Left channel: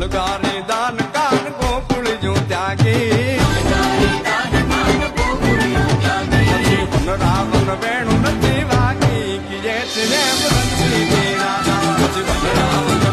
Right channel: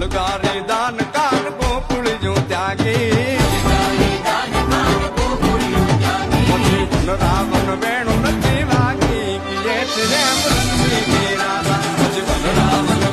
વલગારી દાન કાન ગોકુળ જો ત્યાગી પછી વન રાવણ વેણુ નથી વાગી કે જેઠ રેમ રંગી તેરા પછી વન રાવણ